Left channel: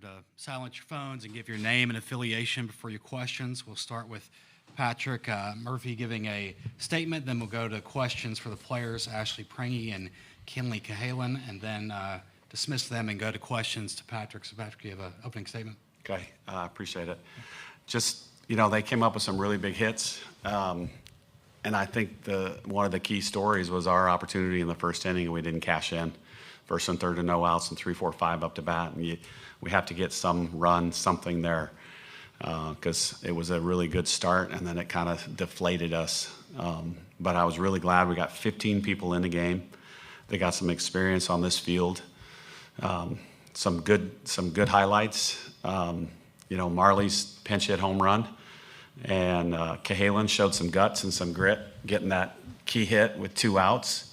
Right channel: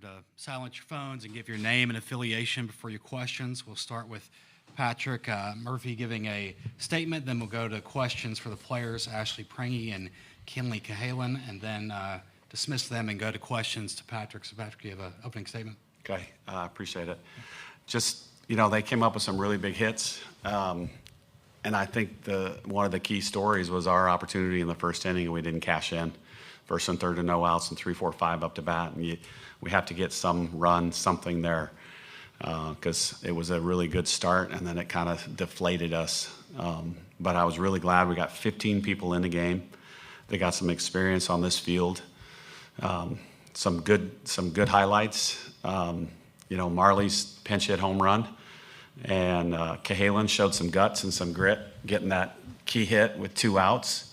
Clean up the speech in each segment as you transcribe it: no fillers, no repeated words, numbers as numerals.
To silence your phones and give your name and affiliation before your questions. We'll start with Patrick Murphy giving a statement, then we'll go to questions for the players, Ashley Prange and Kenleigh Cahalan, and then dismiss them and go to questions to Patrick. So, Patrick, do you have an opening statement? Okay, I appreciate it. Just, they came up with some really big hits, and I think one of the key stories was our opportunity in the first inning, and we didn't cash in. First and third to no outs and 3, 4, 5 up to bat, and we have to get some run, something there, because it was a really good start, and then it kind of deflated us. But I was really glad we got 15 people in the game. They got some experience on this field. Some good highlights. Marley's pinch hit home run, and Cahalan showed some guts and some grit, getting that key hit with 2 outs.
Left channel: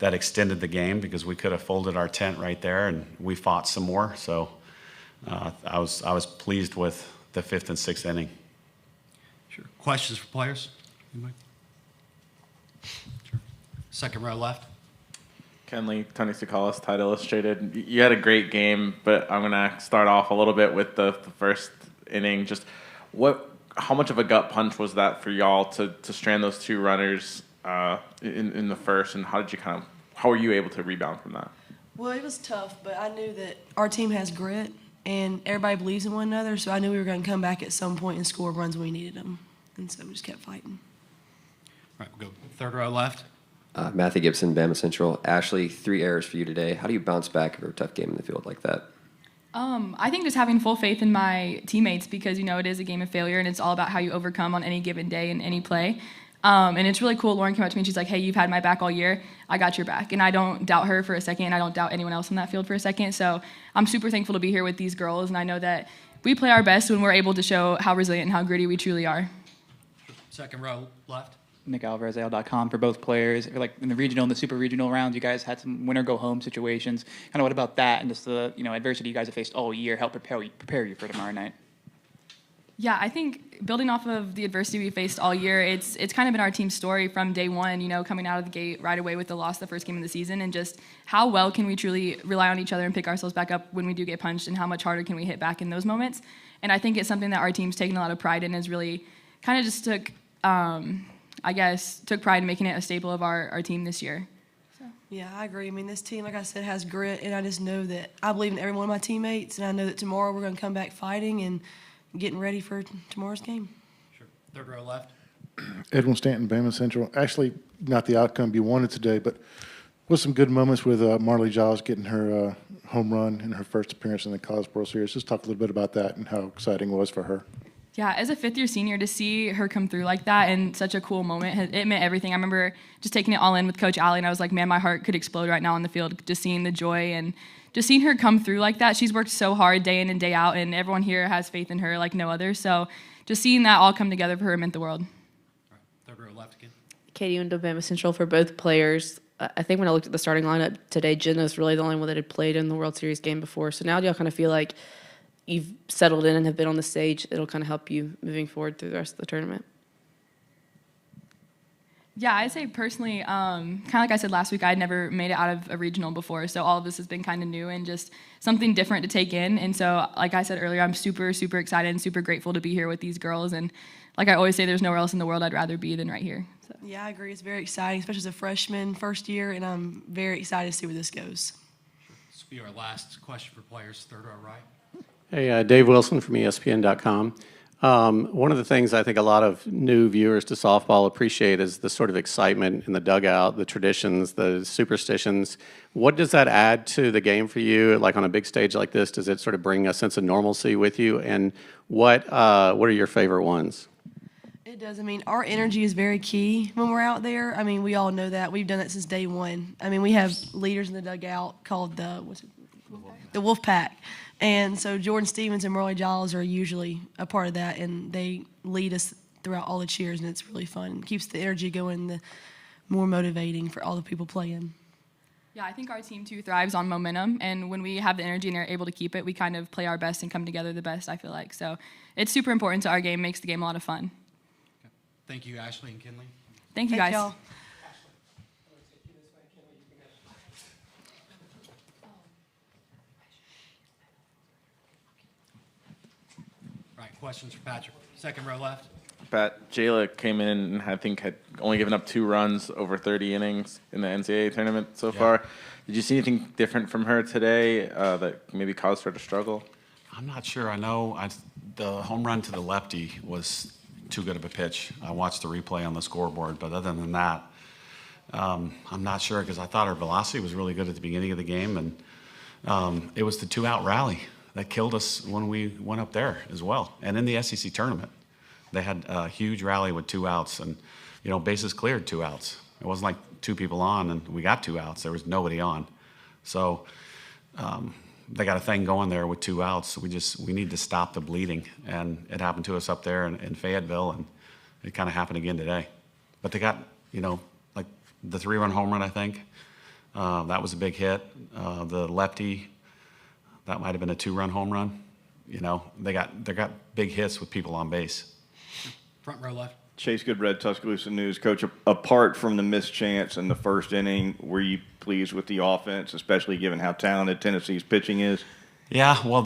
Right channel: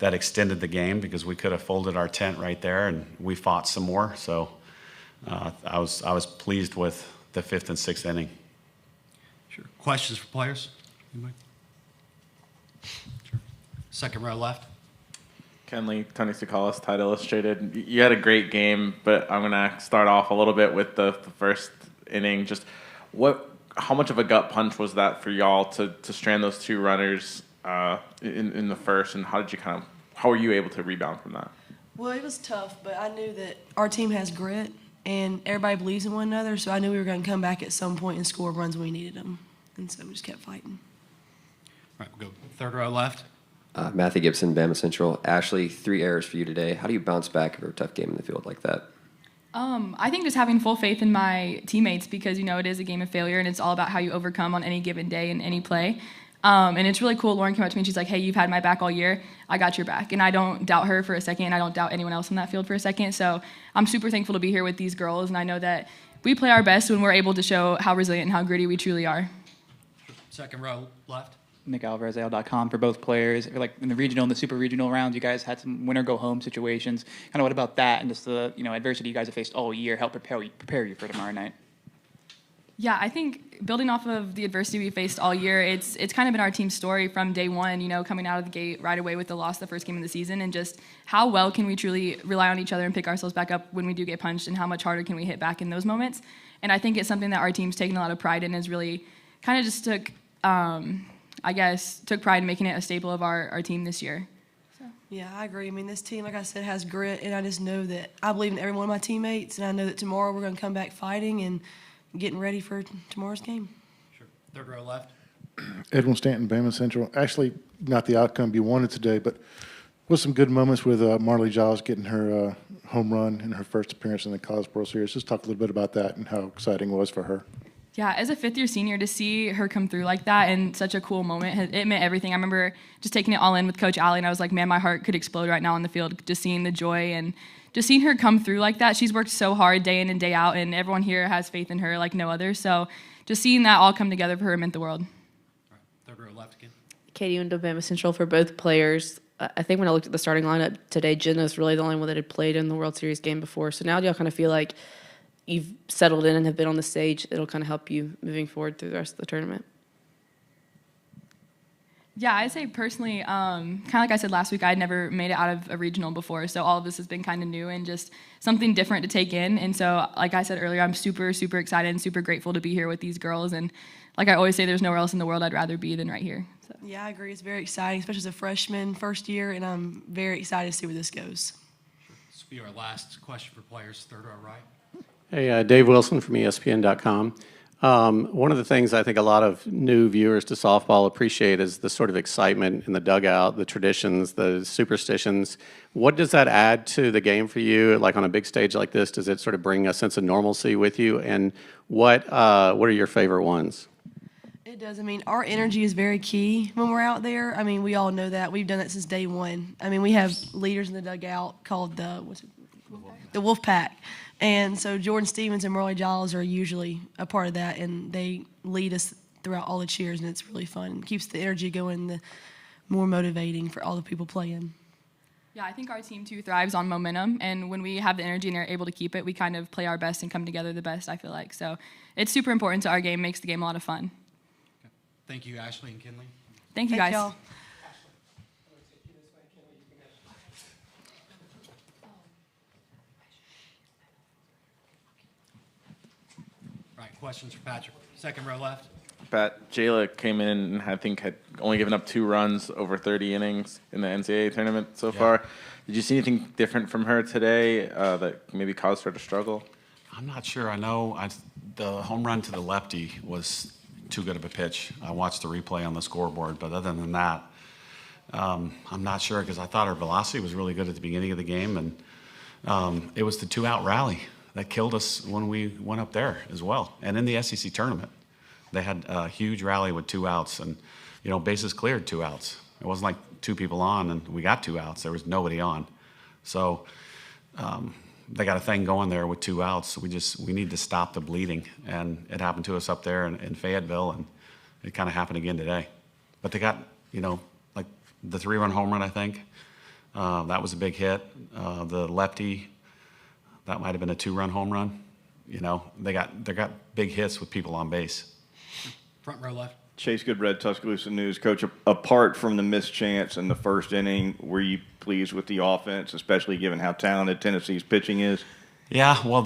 That extended the game because we could have folded our tent right there, and we fought some more. So I was pleased with the 5th and 6th inning. Sure. Questions for players? Anybody? Sure. Second row left. Kenleigh, Tennessee College, Title Illustrated. You had a great game, but I'm going to start off a little bit with the first inning. Just how much of a gut punch was that for y'all to strand those 2 runners in the first, and how were you able to rebound from that? Well, it was tough, but I knew that our team has grit and everybody believes in one another, so I knew we were going to come back at some point and score runs when we needed them, and so we just kept fighting. All right, we'll go third row left. Matthew Gibson, Bama Central. Ashley, 3 errors for you today. How do you bounce back after a tough game in the field like that? I think just having full faith in my teammates because, it is a game of failure, and it's all about how you overcome on any given day in any play. And it's really cool. Lauren came up to me and she's like, hey, you've had my back all year. I got your back. And I don't doubt her for a second. I don't doubt anyone else in that field for a second. So I'm super thankful to be here with these girls. And I know that we play our best when we're able to show how resilient and how gritty we truly are. Second row left. Nick Alvarez, AL.com for both players. I feel like in the regional and the super regional rounds, you guys had some winner-go-home situations. Kind of what about that and just the adversity you guys have faced all year help prepare you for tomorrow night? Yeah, I think building off of the adversity we faced all year, it's kind of been our team's story from day one, coming out of the gate right away with the loss the first game of the season, and just how well can we truly rely on each other and pick ourselves back up when we do get punched, and how much harder can we hit back in those moments. And I think it's something that our team's taken a lot of pride in, is really kind of just took pride in making it a staple of our team this year. So. Yeah, I agree. I mean, this team, like I said, has grit, and I just know that I believe in every one of my teammates, and I know that tomorrow we're going to come back fighting and getting ready for tomorrow's game. Sure. Third row left. Edwin Stanton, Bama Central. Actually, not the outcome you wanted today, but with some good moments with Marley Giles getting her home run in her first appearance in the College World Series. Just talk a little bit about that and how exciting it was for her. Yeah, as a fifth-year senior, to see her come through like that and such a cool moment, it meant everything. I remember just taking it all in with Coach Allie, and I was like, man, my heart could explode right now on the field, just seeing the joy and just seeing her come through like that. She's worked so hard day in and day out, and everyone here has faith in her like no other. So just seeing that all come together for her meant the world. All right, third row left again. Katie Wendell, Bama Central for both players. I think when I looked at the starting lineup today, Jenna was really the only one that had played in the World Series game before. So now do y'all kind of feel like you've settled in and have been on the stage? It'll kind of help you moving forward through the rest of the tournament? Yeah, I'd say personally, kind of like I said last week, I'd never made it out of a regional before, so all of this has been kind of new and just something different to take in. And so, like I said earlier, I'm super, super excited and super grateful to be here with these girls. And like I always say, there's nowhere else in the world I'd rather be than right here. So. Yeah, I agree. It's very exciting, especially as a freshman, first year, and I'm very excited to see where this goes. Sure. This will be our last question for players, third row right. Hey, Dave Wilson from ESPN.com. One of the things I think a lot of new viewers to softball appreciate is the sort of excitement in the dugout, the traditions, the superstitions. What does that add to the game for you? Like on a big stage like this, does it sort of bring a sense of normalcy with you? And what are your favorite ones? It does. I mean, our energy is very key when we're out there. I mean, we all know that. We've done that since day one. I mean, we have leaders in the dugout called the Wolf Pack. And so Jordan Stevens and Marley Giles are usually a part of that, and they lead us throughout all the cheers, and it's really fun. It keeps the energy going, the more motivating for all the people playing. Yeah, I think our team, too, thrives on momentum, and when we have the energy and are able to keep it, we kind of play our best and come together the best, I feel like. So it's super important to our game, makes the game a lot of fun. Okay. Thank you, Ashley and Kenleigh. Thank you, guys. Y'all. Questions for Patrick. Second row left. Pat, Jayla came in and I think had only given up 2 runs over 30 innings in the NCAA tournament so far. Did you see anything different from her today that maybe caused her to struggle? I'm not sure. I know the home run to the lefty was too good of a pitch. I watched the replay on the scoreboard, but other than that, I'm not sure because I thought her velocity was really good at the beginning of the game, and it was the 2-out rally that killed us when we went up there as well. And in the SEC tournament, they had a huge rally with 2 outs, and bases cleared 2 outs. It wasn't like 2 people on and we got 2 outs. There was nobody on, so they got a thing going there with 2 outs. We need to stop the bleeding, and it happened to us up there in Fayetteville, and it kind of happened again today. But they got like the 3-run home run, I think. That was a big hit. The lefty, that might have been a 2-run home run. They got big hits with people on base. Front row left. Chase Goodred, Tuscaloosa News. Coach, apart from the missed chance in the first inning, were you pleased with the offense, especially given how talented Tennessee's pitching is? Yeah, well,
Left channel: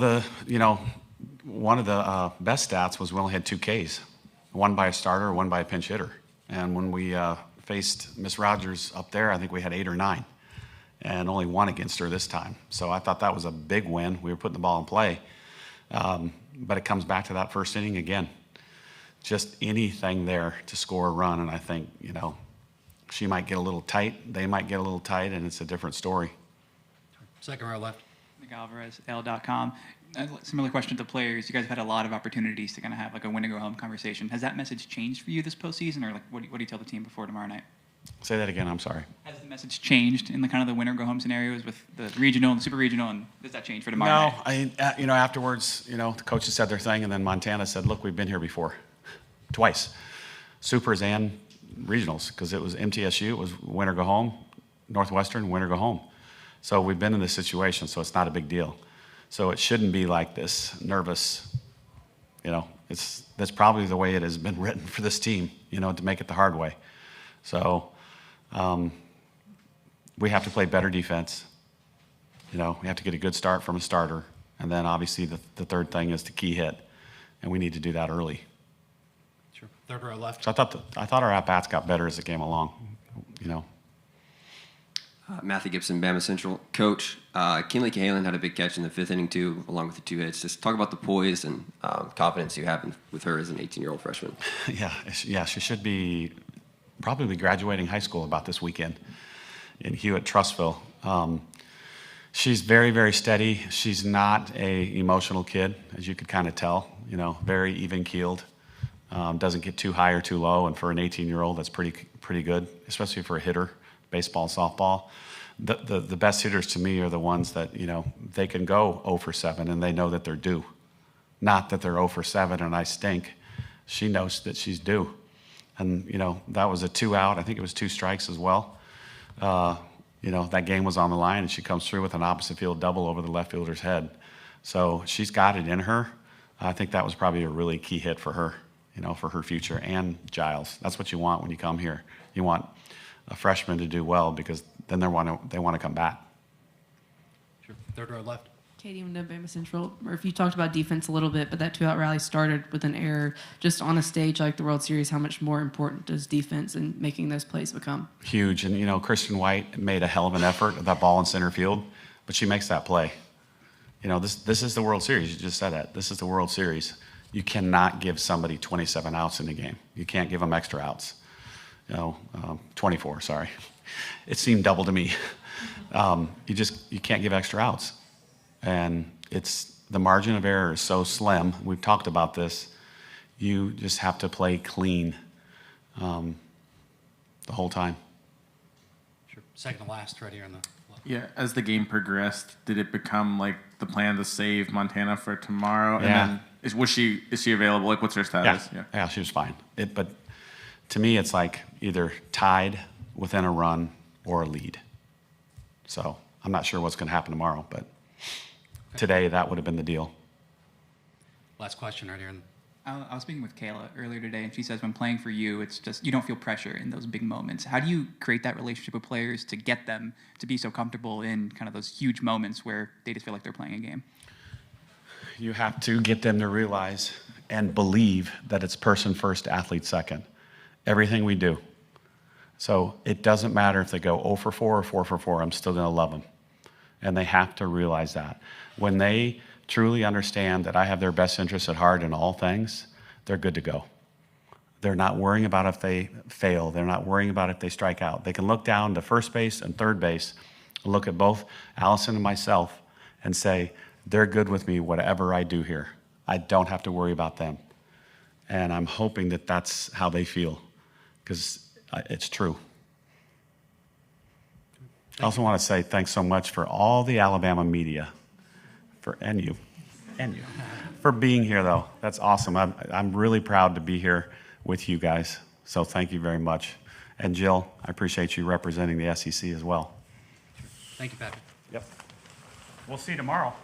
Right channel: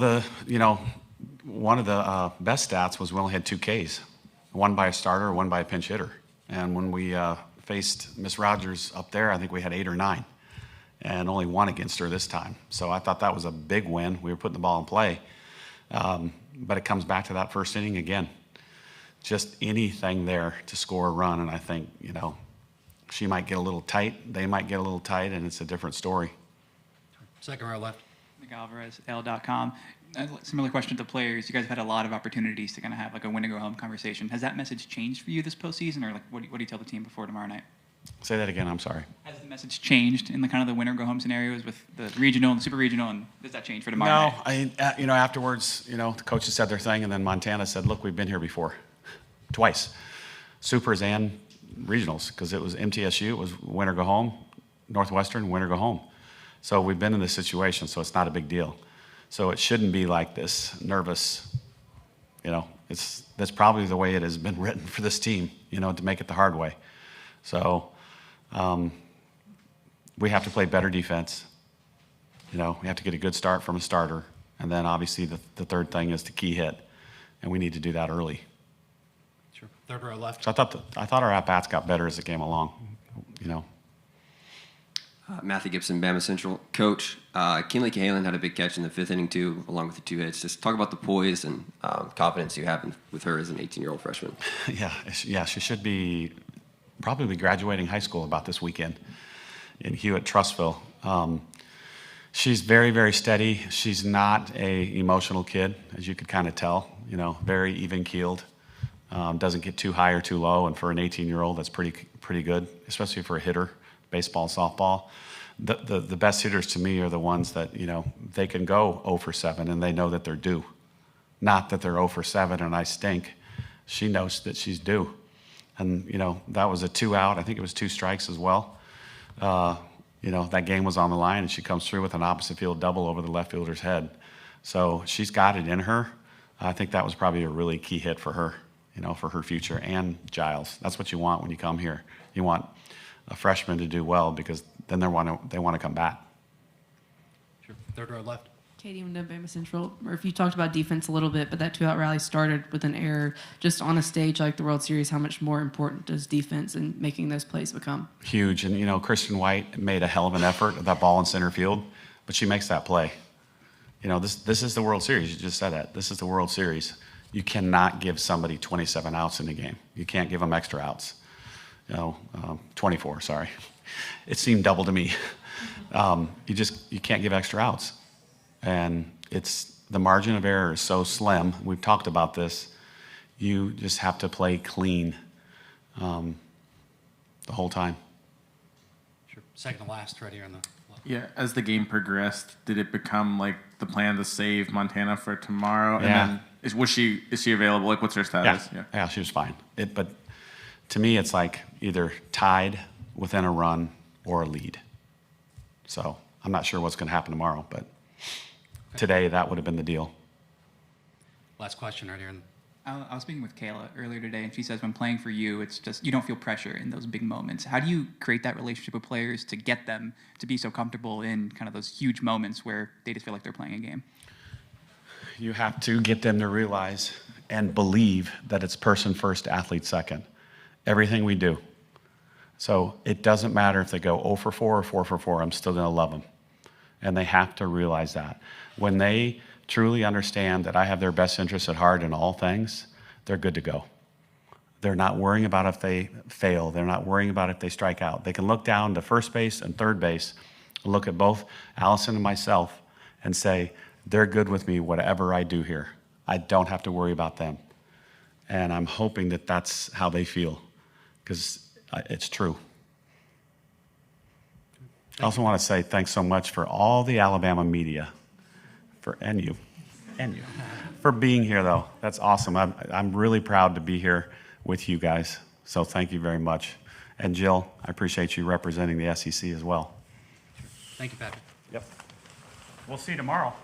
one of the best stats was we only had 2 Ks, one by a starter, one by a pinch hitter. And when we faced Miss Rogers up there, I think we had 8 or 9, and only 1 against her this time. So I thought that was a big win. We were putting the ball in play. But it comes back to that first inning again. Just anything there to score a run, and I think, she might get a little tight, they might get a little tight, and it's a different story. Second row left. Nick Alvarez, L.com. Similar question to the players. You guys have had a lot of opportunities to kind of have like a win-to-go-home conversation. Has that message changed for you this postseason, or like what do you tell the team before tomorrow night? Say that again, I'm sorry. Has the message changed in the kind of the winner-go-home scenarios with the regional and the super regional, and does that change for tomorrow night? No, afterwards, the coaches said their thing, and then Montana said, look, we've been here before. Twice. Supers and regionals, because it was MTSU, it was winner go home, Northwestern, winner go home. So we've been in this situation, so it's not a big deal. So it shouldn't be like this nervous, that's probably the way it has been written for this team, to make it the hard way. So we have to play better defense. We have to get a good start from a starter. And then obviously the third thing is the key hit, and we need to do that early. Sure. Third row left. So I thought our at-bats got better as it came along, Matthew Gibson, Bama Central. Coach, Kenleigh Cahalan had a big catch in the 5th inning, too, along with the 2 hits. Just talk about the poise and confidence you have with her as an 18-year-old freshman. Yeah, she should probably be graduating high school about this weekend in Hewitt-Trussville. She's very, very steady. She's not a emotional kid, as you could kind of tell, very even-keeled. Doesn't get too high or too low, and for an 18-year-old, that's pretty good, especially for a hitter, baseball, softball. The best hitters to me are the ones that, they can go 0 for 7 and they know that they're due. Not that they're 0 for 7 and I stink. She knows that she's due. And, that was a 2 out. I think it was 2 strikes as well. That game was on the line, and she comes through with an opposite field double over the left fielder's head. So she's got it in her. I think that was probably a really key hit for her, for her future, and Giles. That's what you want when you come here. You want a freshman to do well, because then they want to come back. Sure. Third row left. Katie from Bama Central. Murph, you talked about defense a little bit, but that 2-out rally started with an error. Just on a stage like the World Series, how much more important does defense and making those plays become? Huge. And, Christian White made a hell of an effort at that ball in center field, but she makes that play. This is the World Series. You just said that. This is the World Series. You cannot give somebody 27 outs in the game. You can't give them extra outs. 24, sorry. It seemed double to me. You can't give extra outs. And the margin of error is so slim. We've talked about this. You just have to play clean the whole time. Sure. Second to last, right here on the left. Yeah, as the game progressed, did it become like the plan to save Montana for tomorrow? Yeah. And then is she available? Like, what's her status? Yeah, she was fine. But to me, it's like either tied within a run or a lead. So I'm not sure what's going to happen tomorrow, but today that would have been the deal. Last question right here. I was speaking with Kayla earlier today, and she says when playing for you, it's just you don't feel pressure in those big moments. How do you create that relationship with players to get them to be so comfortable in kind of those huge moments where they just feel like they're playing a game? You have to get them to realize and believe that it's person first, athlete second. Everything we do. So it doesn't matter if they go 0 for 4 or 4 for 4. I'm still going to love them. And they have to realize that. When they truly understand that I have their best interests at heart in all things, they're good to go. They're not worrying about if they fail. They're not worrying about if they strike out. They can look down to first base and third base, look at both Allison and myself, and say, they're good with me whatever I do here. I don't have to worry about them. And I'm hoping that that's how they feel, because it's true. I also want to say thanks so much for all the Alabama media, and you, for being here, though. That's awesome. I'm really proud to be here with you guys, so thank you very much. And Jill, I appreciate you representing the SEC as well. Thank you, Patrick. Yep. We'll see you tomorrow.